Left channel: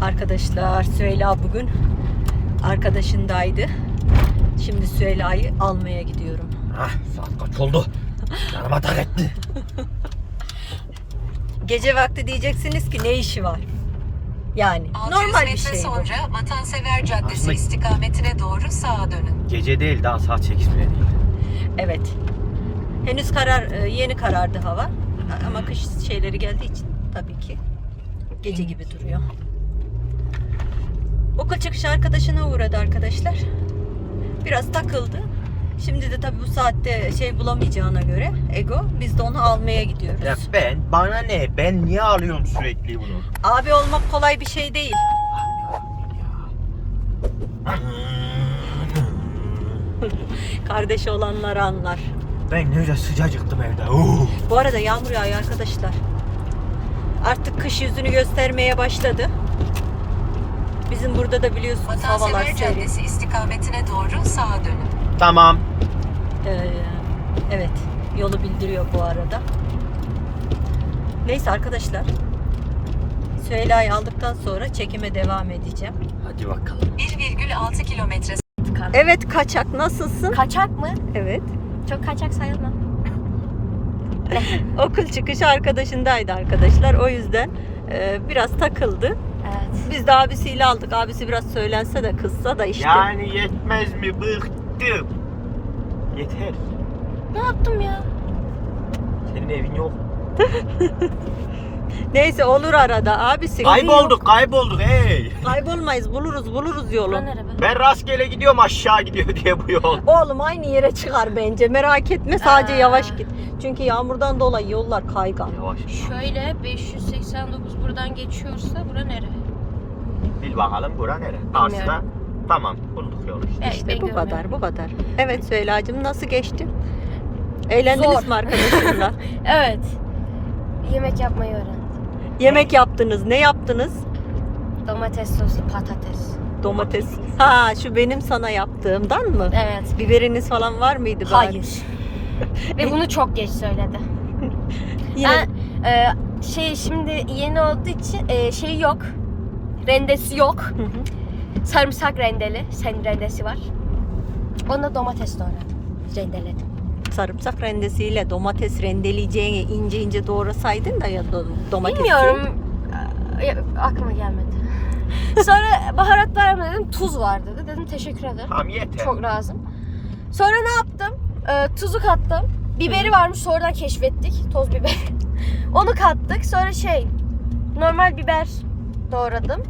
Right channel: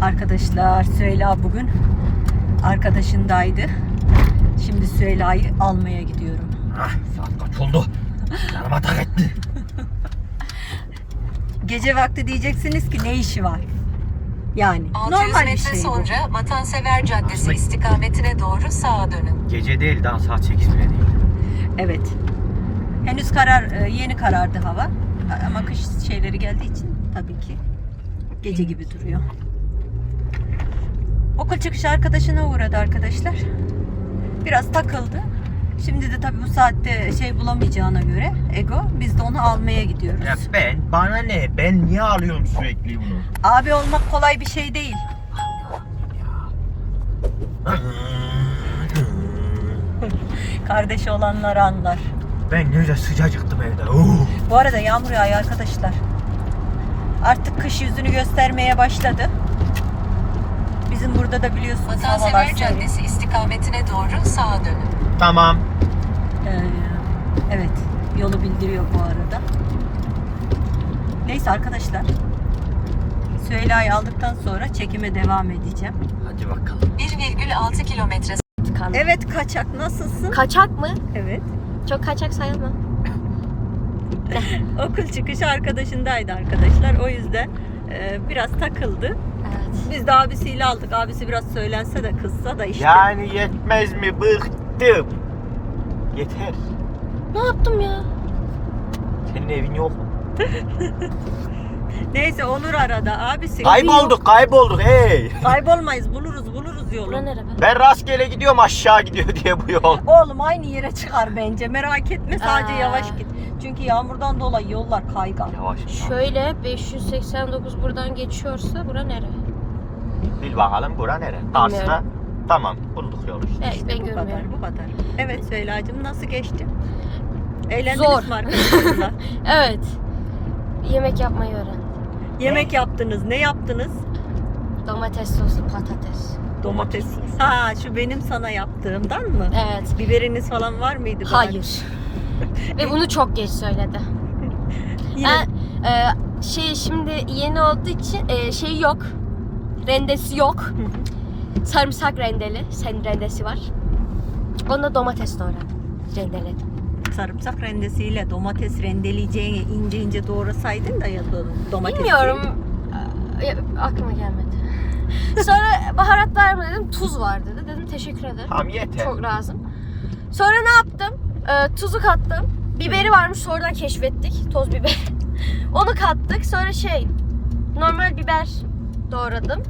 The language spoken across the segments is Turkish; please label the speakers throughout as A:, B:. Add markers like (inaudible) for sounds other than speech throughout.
A: Arkadaşlar Süheyla bugün arkadaşındaydı. Şimdi Süheyla'yı almaya gidiyorum.
B: Ah, saat kaç oldu? Araba tak etti.
A: Gece vakti diyeceksiniz ki ne işi var? Yani
C: 600
A: normal bir şey bu.
C: sonra Vatansever Caddesi istikametine doğru sağa dönün.
B: Gece değil daha saat 8 bile değil.
A: Evet. Henüz karar e, yeni karardı hava. Ama kış şeyleri geldiği için tabii ki gece gibi duruyor. Okul çıkışı arkadaşına uğradı arkadaşlar. Biraz takıldı. Şimdi de tabii bu saatte şey bulamayacağına göre Ego biz de onu almaya gidiyoruz.
B: Ya ben, bana ne? Ben niye arıyorum sürekli bunu?
A: Abi olmak kolay bir şey değil. (laughs) Kardeşi olanlar anlar.
B: Ben ne güzel sıcacıktım evde. Uh.
A: Bu arada yağmur yağıyor arkadaşlar. Artık kış yüzünü göstermeye başladı. Bizim burada da biliyorsunuz havalar
C: Vatansever
A: serin.
C: Caddesi istikametine doğru sağa dönün.
B: Tamam.
A: Ee, evet yolu bildiriyor bu arada. Neyse arkadaşlar. Süheyla'yı aldıktan sonra çekime devam edeceğim.
B: Hadi bakalım.
C: 1,6 kilometre
A: Evet kaçak nasılsın?
D: Kaçak mı?
A: Evet.
D: Çok kaçak sayılmam. (laughs)
A: Okul çıkışı arkadaşındaydı arkadaşlar. O yüzden e, biraz takıldı.
D: Evet.
A: Biz de abisiyle aldık. Abisi biraz söylense de kızsa da işte.
B: Yani yetmez mi? Bıktım. Yeter.
D: Ne yaptım ya?
B: Senin evin yok. (laughs)
A: Neyse olur arada abisi.
B: Kaybolduk, kaybolduk. Hey.
A: Kaybolmayız buluruz buluruz yolu.
D: Bura nere be?
B: Ben rastgele gidiyorum aşağı gidiyor diye bu yol.
A: Oğlum aynı yere çıkar bence. Merak etme sadece
D: Aa.
A: yavaş git. Çünkü yağmurdan dolayı yollar kaygan.
D: Şöyle 589 buradan geçiyorsa bura nere?
B: Bil bakalım bura nere?
D: Bilmiyorum.
B: Tamam bulduk yolu işte.
D: Ben,
A: İşte
D: ben
A: bu kadar
D: görmüyorum.
A: bu kadar. Evet Süheyla'cığım nasıl geçti? Eğlendiniz
D: Zor.
A: mi arkadaşlarla? (laughs)
D: Evet. Yemek yapmayı öğrendim.
A: Yemek yaptınız. Ne yaptınız?
D: Domates sosu, patates.
A: Domates. Ha şu benim sana yaptığımdan mı?
D: Evet.
A: Biberiniz falan var mıydı? bari? (laughs)
D: Ve bunu çok geç söyledi. (laughs)
A: Yine
D: Ben e, şey şimdi yeni olduğu için e, şey yok. Rendesi yok.
A: Hı hı.
D: Sarımsak rendeli. Sen rendesi var. Ona domates doğradım. Rendeledim.
A: sarımsak rendesiyle domates rendeleyeceğini ince ince doğrasaydın da ya do- domatesi.
D: Bilmiyorum. e, aklıma gelmedi. (laughs) Sonra baharatlar mı dedim. Tuz var dedi. Dedim teşekkür ederim.
B: Tamam yeter.
D: Çok lazım. Sonra ne yaptım? E, tuzu kattım. Biberi varmış sonradan keşfettik. Toz biber. (laughs) Onu kattık. Sonra şey normal biber doğradım.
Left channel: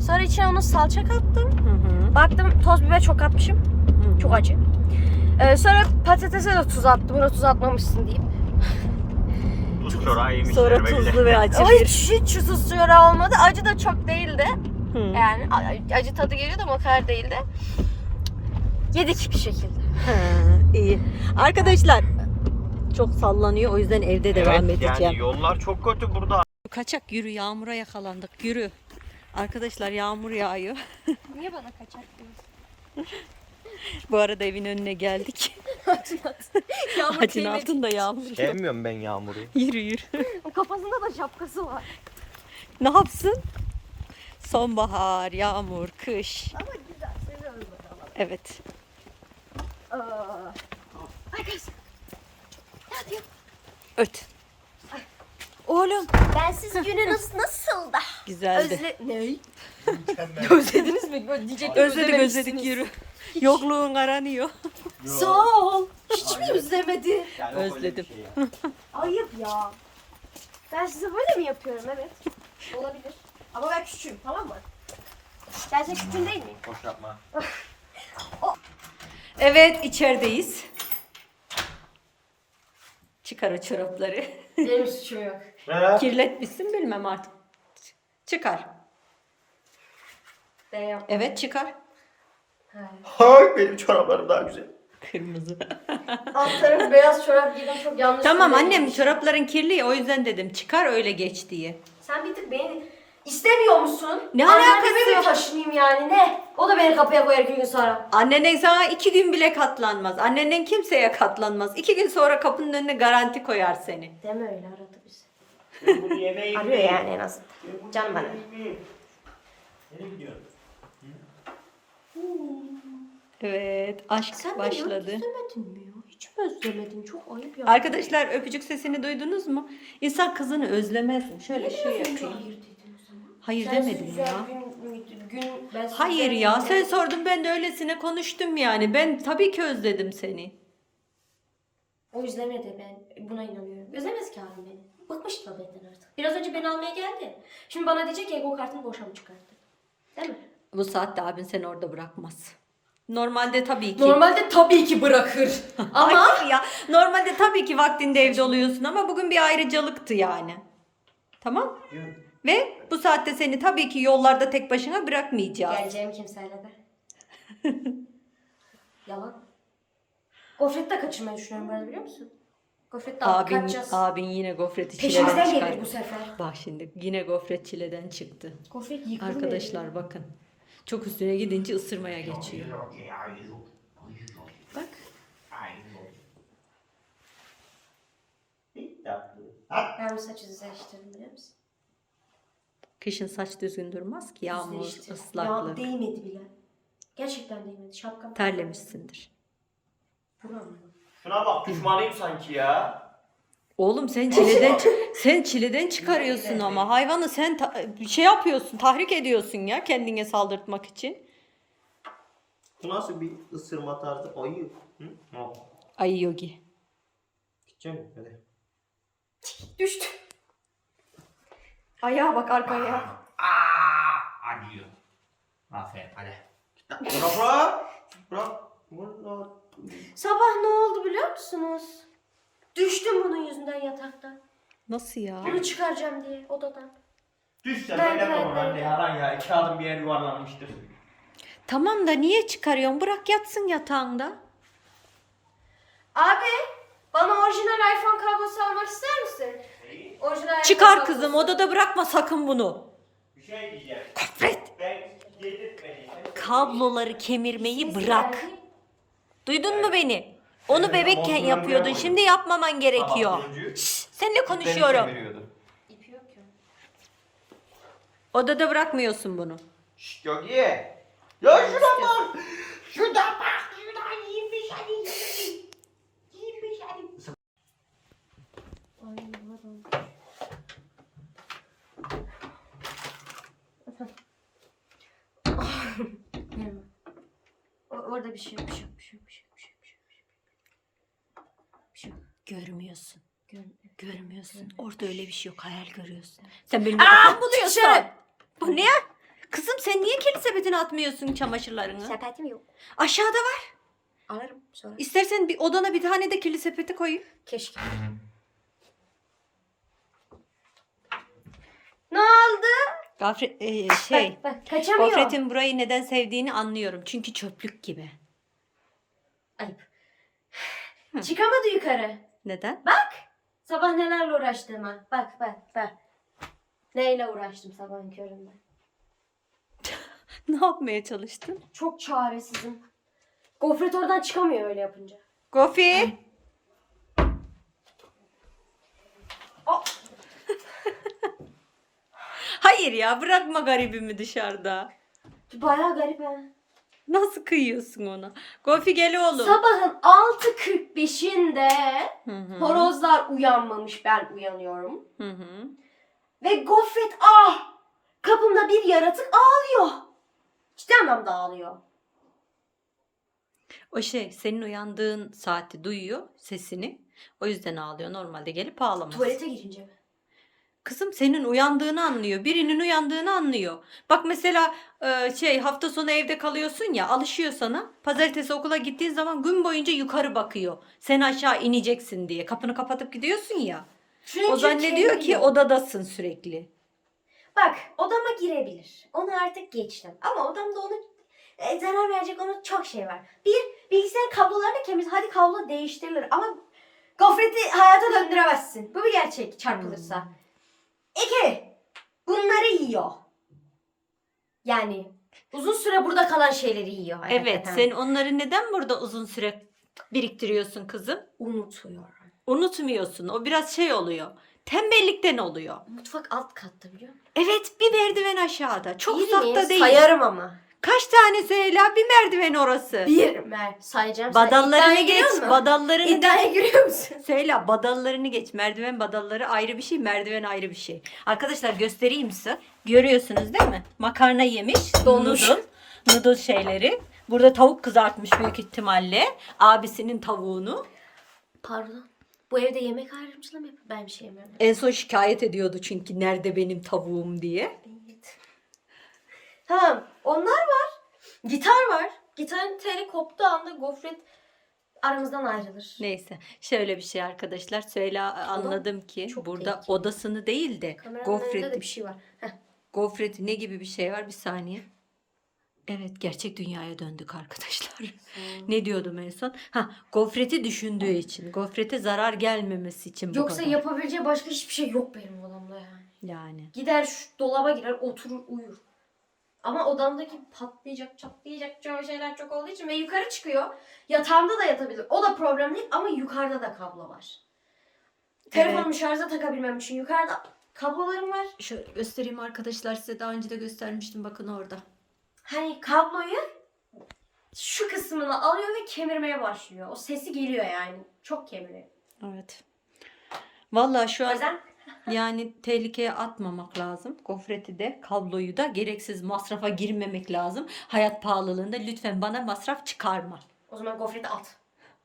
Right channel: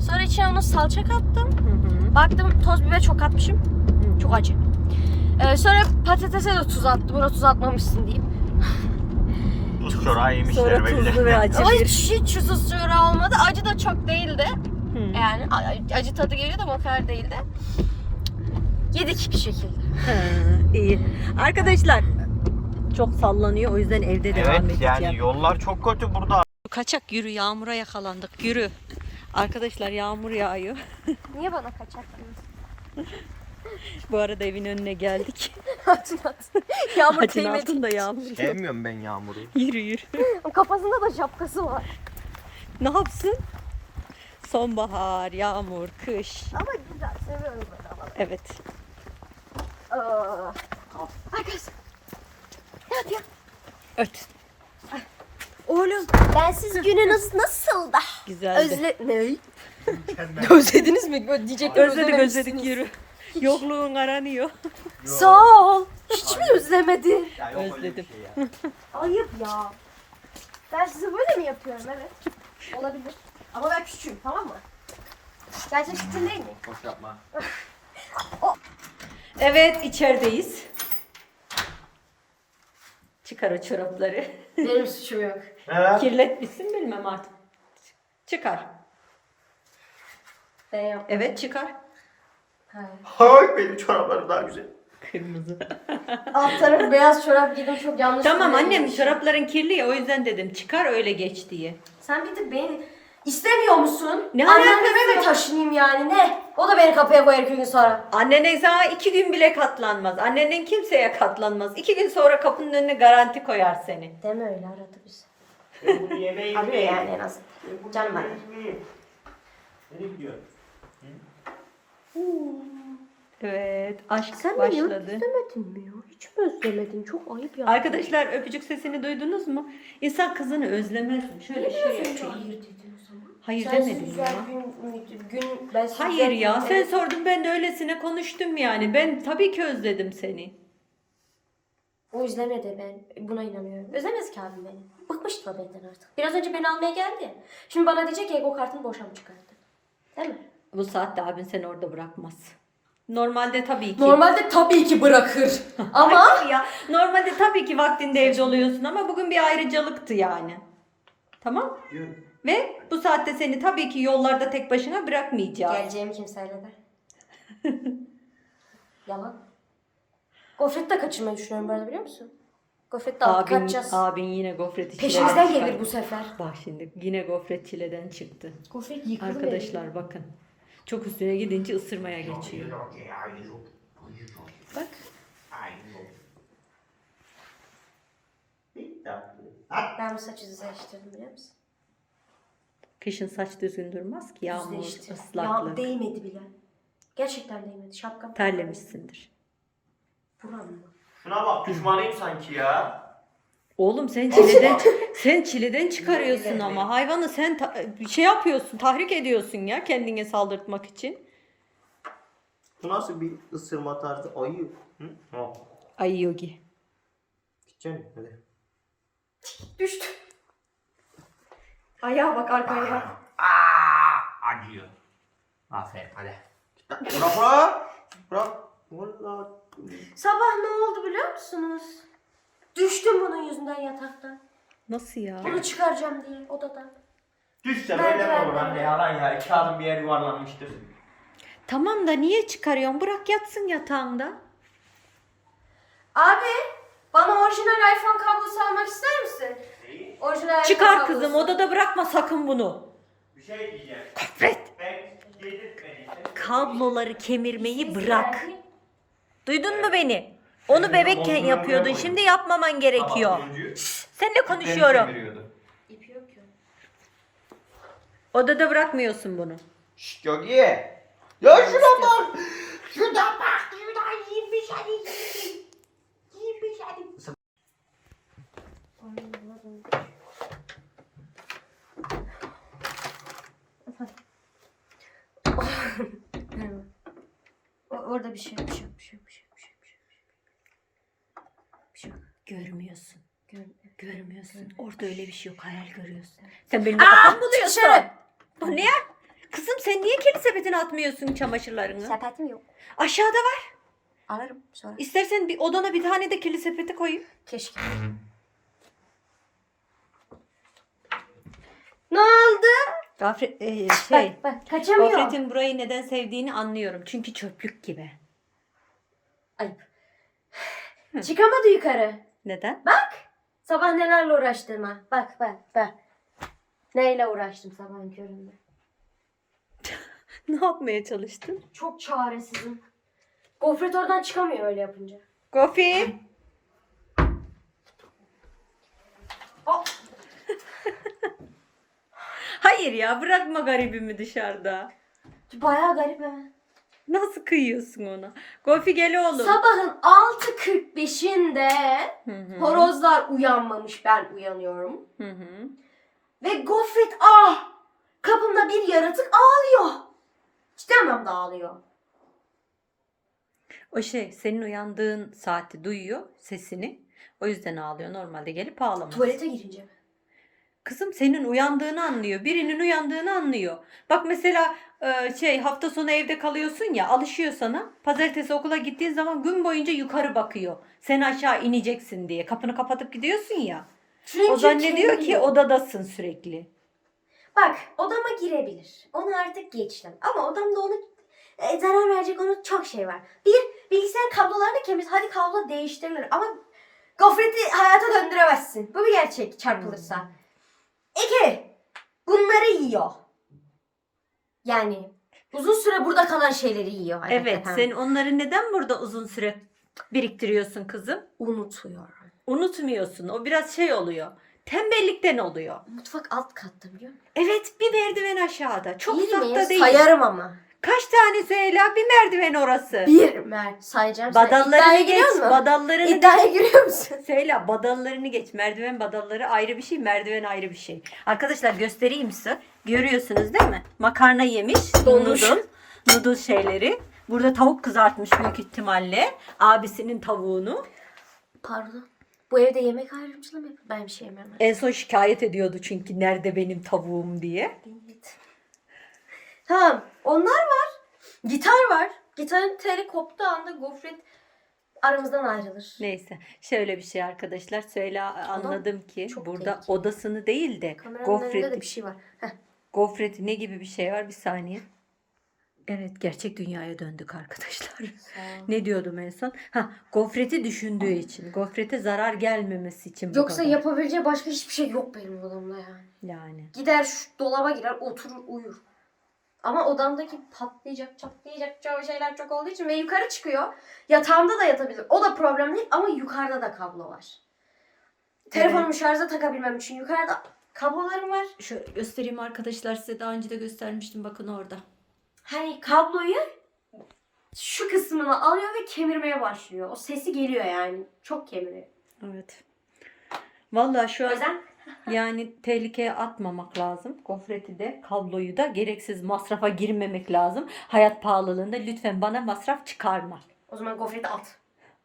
D: Sonra içine onu salça kattım.
A: Hı hı.
D: Baktım toz biber çok atmışım.
A: Hı.
D: Çok acı. Ee, sonra patatese de tuz attım. Buna tuz atmamışsın (laughs)
B: yemişler
A: Sonra
B: böyle.
A: tuzlu ve (laughs) acı
D: Ama
A: bir.
D: hiç, hiç tuz olmadı. Acı da çok değildi.
A: Hı.
D: Yani a- acı tadı geliyordu ama o kadar değildi. Yedik bir şekilde.
A: İyi. Arkadaşlar çok sallanıyor o yüzden evde devam
B: Evet,
A: edeceğim.
B: Yani yollar çok kötü burada.
A: Kaçak yürü yağmura yakalandık yürü. Arkadaşlar yağmur yağıyor. (laughs)
D: Niye bana kaçak diyorsun?
A: Bu arada evin önüne geldik. (laughs)
D: Yağmur
A: Ağacın altında yağmur yok.
B: Sevmiyorum ben yağmuru. (laughs)
A: Yürü yürü.
D: Kafasında da şapkası var.
A: ne yapsın? Sonbahar, yağmur, kış.
D: Ama güzel. Seviyorum böyle havaları.
A: Evet.
D: Aa. Arkadaşlar.
A: Öt. Oğlum.
D: Bensiz (laughs) gününüz nasıldı?
A: Güzeldi.
D: Özle... Ne? (laughs) Özlediniz mi? Böyle Diyecektim
A: özledik özledik yürü. Yokluğun aranıyor. (laughs)
D: Sağ ol. Hiç mi özlemedin?
A: Özledim.
D: Ayıp ya. Ben size böyle mi yapıyorum? Evet. Olabilir. Ama ben küçüğüm tamam mı? Gerçek küçüğüm değil miyim?
B: Boş yapma.
A: Evet içerideyiz. Çıkar o çorapları.
D: Benim suçum yok.
A: Kirletmişsin bilmem artık. Çıkar.
D: Ben yok.
A: Evet çıkar.
D: Hayır.
B: Hay benim çoraplarım daha güzel.
A: Kırmızı.
D: Alt tarafı beyaz çorap giydim çok yanlış.
A: tamam annem çorapların kirli ya o yüzden dedim çıkar öyle geç diye.
D: Sen bir de beni istemiyor musun?
A: Ne
D: Anneme
A: alakası
D: mi
A: var?
D: taşınayım yani ne? O da beni kapıya koyar iki gün sonra.
A: Annene sana iki gün bile katlanmaz. Annenden kimseye katlanmaz. İki gün sonra kapının önüne garanti koyar seni.
D: Deme öyle aradı bizi.
B: Yemeği
D: Arıyor yani en azından. Canım bana.
B: Nereye gidiyorsun?
A: Evet aşk
D: Sen beni
A: başladı.
D: özlemedin mi ya? Hiç mi özlemedin? Çok ayıp ya.
A: Arkadaşlar öpücük sesini duydunuz mu? İnsan kızını özlemez mi? Şöyle
D: Niye
A: şey
D: biraz önce
A: yapıyor.
D: hayır dedin?
A: Hayır
D: Sensiz
A: demedim
D: güzel
A: ya.
D: Gün, gün, ben
A: Hayır ya
D: gün-
A: sen
D: Evet.
A: sordun ben de öylesine konuştum yani. Ben tabii ki özledim seni.
D: O özlemedi ben. Buna inanıyorum. Özlemez ki abim beni. Bıkmıştı da benden artık. Biraz önce beni almaya geldi. Şimdi bana diyecek ki ego kartını boşa mı çıkarttın? Değil mi?
A: Bu saatte abin seni orada bırakmaz. Normalde tabii ki.
D: Normalde tabii ki bırakır. (laughs) Ama
A: Hayır ya. Normalde tabii ki vaktinde evde oluyorsun ama bugün bir ayrıcalıktı yani. Tamam?
B: Diyorum.
A: Ve bu saatte seni tabii ki yollarda tek başına bırakmayacağız.
D: geleceğimi kimseyle de. (laughs) Yalan. Gofret de kaçırmayı düşünüyorum arada biliyor musun? Gofret de
A: Abin,
D: kaçacağız.
A: abin yine gofreti
D: Peşimizden
A: çileden
D: gelir bu sefer.
A: Bak şimdi yine gofret çileden çıktı.
D: Gofret yıkılır.
A: Arkadaşlar bakın. Çok üstüne gidince ısırmaya geçiyor. Bak.
D: Ben bu saçı düzleştirdim biliyor musun?
A: Kışın saç düzgün durmaz ki. Yağmur,
D: Düzleştirdim.
A: ıslaklık.
D: Ya değmedi bile. Gerçekten değmedi. Şapkam.
A: Terlemişsindir.
D: Buram mı?
B: Şuna bak düşmanıyım sanki ya.
A: Oğlum sen çileden (laughs) sen çileden çıkarıyorsun ama hayvanı sen ta- bir şey yapıyorsun, tahrik ediyorsun ya kendine saldırtmak için.
B: Bu nasıl bir ısırma tarzı? Ayı. Hı?
A: Ay yogi.
B: Gideceksin hadi.
D: Düştü. Ayağa bak arkaya.
B: Aa, acıyor. Aferin hadi. Git lan. Bırak bırak. Bırak. Vallahi.
D: Sabah ne oldu biliyor musunuz? Düştüm bunun yüzünden yataktan.
A: Nasıl ya?
D: Bunu çıkaracağım diye odadan.
B: Düşse
D: Ben
B: böyle mi olur anne yalan ya. İki adım bir yer yuvarlanmıştır.
A: Tamam da niye çıkarıyorsun? Bırak yatsın yatağında.
D: Abi bana orijinal iPhone kablosu almak ister misin? Orijinal
A: Çıkar kızım odada bırakma sakın bunu.
B: Bir şey diyeceğim.
A: Gofret.
B: Ben yedirtmediysem.
A: Kabloları kemirmeyi bırak. Duydun mu beni? Onu bebekken yapıyordun. Şimdi yapmaman gerekiyor. Seninle konuşuyorum.
D: İpi yok ki.
A: Odada bırakmıyorsun bunu.
B: Şşt Yogi. Ya şuna bak. Şuna bak. Şuna. Yemiş hadi.
D: O- Orada bir şey yok, bir şey yok, bir şey yok, bir şey yok, bir şey yok, bir şey yok, bir şey yok. Bir şey yok.
A: Görmüyorsun.
D: Gör-
A: Görmüyorsun. Orada öyle bir şey yok. Hayal görüyorsun. Sen benim kafamı buluyorsun.
D: dışarı.
A: Bu ne? Kızım sen niye kedi sepetine atmıyorsun çamaşırlarını?
D: Sepetim yok.
A: Aşağıda var.
D: Alırım sonra.
A: İstersen bir odana bir tane de kirli sepeti koyayım.
D: Keşke. Ne oldu?
A: Gafret, e, şey.
D: Bak, bak kaçamıyor.
A: Gofret'in burayı neden sevdiğini anlıyorum. Çünkü çöplük gibi.
D: Ayıp. Çıkamadı yukarı.
A: Neden?
D: Sabah nelerle uğraştığıma. Bak bak bak. Neyle uğraştım sabahın köründe. (laughs)
A: Ne yapmaya çalıştın?
D: Çok çaresizim. Gofret oradan çıkamıyor öyle yapınca.
A: Gofi.
D: Aa!
A: Hayır ya bırakma garibimi dışarıda.
D: Bayağı garip ha.
A: Nasıl kıyıyorsun ona? Gofi gel oğlum.
D: Sabahın 6.45'inde
A: Hı hı.
D: horozlar uyanmamış ben uyanıyorum.
A: Hı hı.
D: Ve gofret ah kapımda bir yaratık ağlıyor. Ciddi anlamda ağlıyor.
A: O şey senin uyandığın saati duyuyor sesini. O yüzden ağlıyor. Normalde gelip ağlamaz.
D: Tuvalete girince mi?
A: Kızım senin uyandığını anlıyor. Birinin uyandığını anlıyor. Bak mesela e, şey hafta sonu evde kalıyorsun ya alışıyor sana. Pazartesi okula gittiğin zaman gün boyunca yukarı bakıyor. Sen aşağı ineceksin diye. Kapını kapatıp gidiyorsun ya.
D: Çünkü
A: O zannediyor ki odadasın sürekli.
D: Bak odama girebilir. Onu artık geçtim. Ama odamda onu e, zarar verecek onun çok şey var. Bir bilgisayar kablolarını kemir. Hadi kablo değiştirilir ama gofreti hayata döndüremezsin. Bu bir gerçek çarpılırsa.
A: Hmm.
D: İki bunları yiyor. Yani uzun süre burada kalan şeyleri yiyor.
A: Evet
D: hakikaten.
A: sen onları neden burada uzun süre biriktiriyorsun kızım?
D: unutuyorum.
A: Unutmuyorsun. O biraz şey oluyor. Tembellikten oluyor.
D: Mutfak alt katta biliyor musun?
A: Evet bir merdiven aşağıda. Çok
D: Birini
A: uzakta değil.
D: Sayarım ama.
A: Kaç tane Süheyla? Bir merdiven orası.
D: Bir mer sayacağım.
A: Badallarını
D: İddiaya
A: geç.
D: musun?
A: Badallarını
D: İddiaya giriyor musun? (laughs)
A: Süheyla badallarını geç. Merdiven badalları ayrı bir şey. Merdiven ayrı bir şey. Arkadaşlar göstereyim size. Görüyorsunuz değil mi? Makarna yemiş.
D: Donmuş.
A: Noodle. Noodle şeyleri. Burada tavuk kızartmış büyük ihtimalle. Abisinin tavuğunu.
D: Pardon. Bu evde yemek ayrımcılığı mı yapıyor? Ben bir şey yemem.
A: En son şikayet ediyordu çünkü nerede benim tavuğum diye.
D: Tamam. Onlar var. Gitar var. Gitarın teli koptuğu anda gofret aramızdan ayrılır.
A: Neyse şöyle bir şey arkadaşlar. Süheyla anladım ki
D: çok
A: burada
D: tehlikeli.
A: odasını değil de
D: Kameranın önünde de bir şey var. Heh.
A: gofret ne gibi bir şey var bir saniye. Evet gerçek dünyaya döndük arkadaşlar. Ne diyordum en son? Ha, gofreti düşündüğü için. Gofrete zarar gelmemesi için bu
D: Yoksa
A: kadar.
D: yapabileceği başka hiçbir şey yok benim odamda yani.
A: Yani.
D: Gider şu dolaba girer oturur uyur. Ama odamdaki patlayacak çatlayacak çok şeyler çok olduğu için ve yukarı çıkıyor. Yatağımda da yatabilir. O da problem değil ama yukarıda da kablo var. Telefonumu şarja takabilmem için yukarıda kablolarım var.
A: Şöyle göstereyim arkadaşlar size daha önce de göstermiştim bakın orada.
D: Hani kabloyu şu kısmını alıyor ve kemirmeye başlıyor. O sesi geliyor yani. Çok kemiriyor.
A: Evet. Vallahi şu
D: O
A: an
D: yüzden
A: yani tehlikeye atmamak lazım. Gofreti de kabloyu da gereksiz masrafa girmemek lazım. Hayat pahalılığında lütfen bana masraf çıkarma.
D: o zaman gofreti at.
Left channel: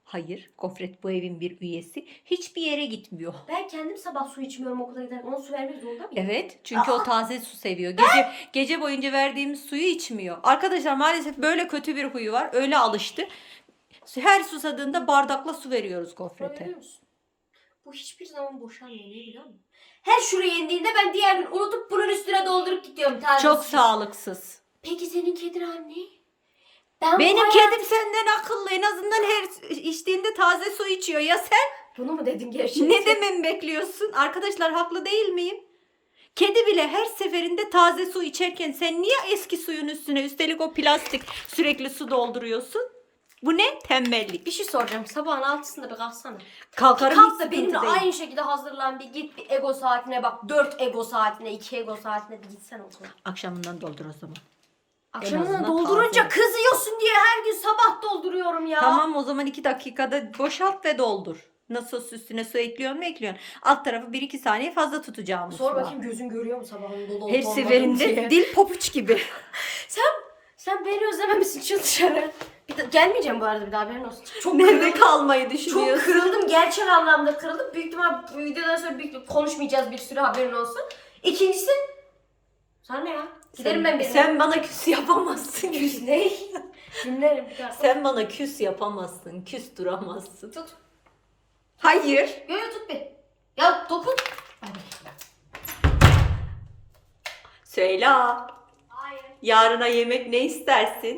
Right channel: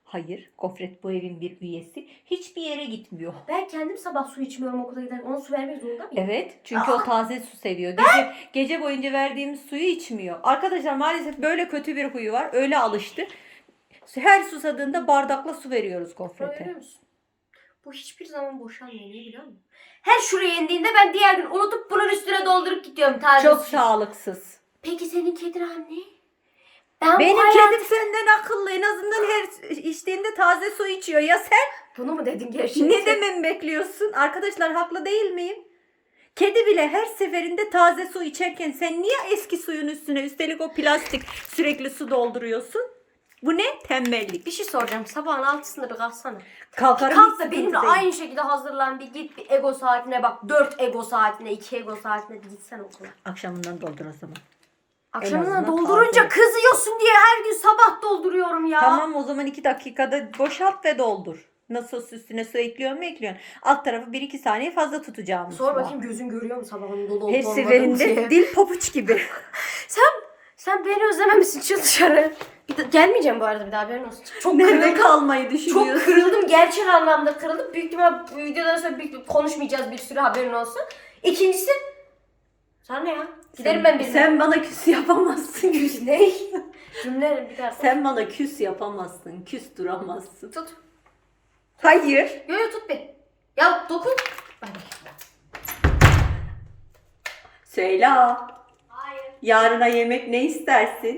A: Hayır, gofret bu evin bir üyesi. Hiçbir yere gitmiyor.
D: Ben kendim sabah su içmiyorum okula giderken. Ona su vermek zorunda mıyım?
A: Evet, çünkü o taze su seviyor. Gece gece boyunca verdiğimiz suyu içmiyor. Arkadaşlar maalesef böyle kötü bir huyu var. Öyle alıştı. Her susadığında bardakla su veriyoruz gofrete.
D: Görüyor musun? Bu hiçbir zaman boşanmıyor. Niye biliyor musun? Her şuraya indiğinde ben diğer gün unutup bunun üstüne doldurup gidiyorum. Taze
A: Çok sağlıksız.
D: Peki senin kedin anne? Ben
A: Benim
D: hayat-
A: kedim senden akıllı. En azından her içtiğinde taze su içiyor. Ya sen
D: Bunu mu dedin gerçekten?
A: ne dememi bekliyorsun? Arkadaşlar haklı değil miyim? Kedi bile her seferinde taze su içerken sen niye eski suyun üstüne üstelik o plastik sürekli su dolduruyorsun? Bu ne? Tembellik.
D: Bir şey soracağım. Sabahın altısında bir kalksana.
A: Kalkarım hiç
D: Kalk da
A: sıkıntı
D: benimle
A: değil.
D: aynı şekilde hazırlan bir git bir ego saatine bak. Dört ego saatine, iki ego saatine bir gitsen okula.
A: Akşamından doldur o zaman.
D: Akşamına
A: azından
D: doldurunca
A: taze.
D: kızıyorsun diye her gün sabah dolduruyorum ya.
A: Tamam o zaman iki dakikada boşalt ve doldur. Nasıl üstüne su ekliyorsun mu ekliyorsun. Alt tarafı 1-2 saniye fazla tutacağım.
D: Sor bakayım gözün görüyor mu sabahın dolu olup
A: Her
D: olmadığını
A: seferinde
D: diye.
A: dil pabuç gibi. (laughs)
D: Sen sen beni özlememişsin çık dışarı. Bir de, gelmeyeceğim bu arada bir daha haberin olsun. Çok
A: Nerede
D: kırıldım.
A: kalmayı
D: Çok
A: düşünüyorsun?
D: kırıldım. Gerçek anlamda kırıldım. Büyük ihtimal bu videodan sonra büyük konuşmayacağız bir sürü haberin olsun. İkincisi sana ne ya? Giderim ben benim.
A: Sen bana küs yapamazsın.
D: ne? Cümlerim bir daha.
A: Sen bana küs yapamazsın. Küs duramazsın.
D: Tut.
A: Hayır.
D: Yo yo tut bir. Ya dokun. Bay.
A: Söyle.
D: Hayır.
A: Yarına yemek ne istersin?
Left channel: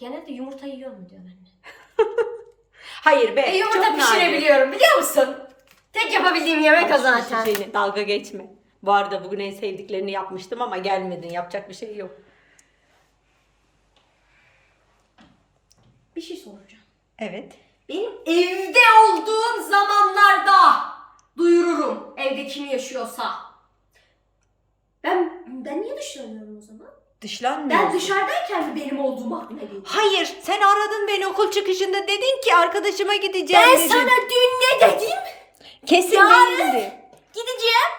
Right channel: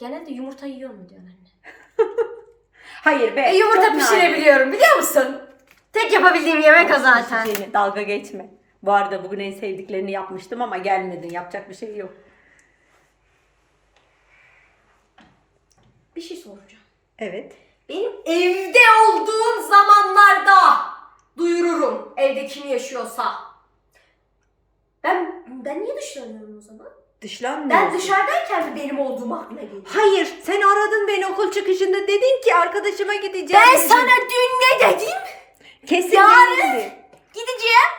D: Genelde yumurta yiyor mu diyor anne. (laughs)
A: Hayır be.
D: E yumurta
A: çok
D: pişirebiliyorum biliyor musun? Tek yapabildiğim yemek o zaten.
A: şişeni, dalga geçme. Bu arada bugün en sevdiklerini yapmıştım ama gelmedin. Yapacak bir şey yok.
D: Bir şey soracağım.
A: Evet.
D: Benim evde olduğum zamanlarda duyururum evde kim yaşıyorsa. Ben ben niye dışlanıyorum o zaman?
A: Dışlanmıyorsun.
D: Ben dışarıdayken mi benim olduğum aklına geliyor?
A: Hayır. Sen aradın beni okul çıkışında. Dedin ki arkadaşıma gideceğim
D: Ben
A: dedin.
D: sana dün ne dedim?
A: Kesin
D: Yarın-
A: değildi.
D: Gideceğim.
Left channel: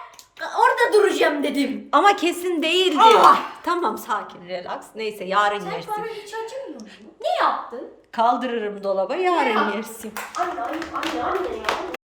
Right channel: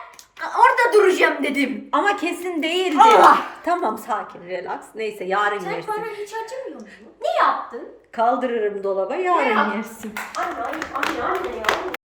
D: Orada duracağım dedim.
A: Ama kesin değildi.
D: Ah!
A: Tamam sakin relax. Neyse yarın
D: Sen
A: yersin.
D: bana hiç acımıyor musun? Ne yaptın?
A: Kaldırırım dolaba yarın
D: Ya.
A: yersin.
D: Anne anne anne ya.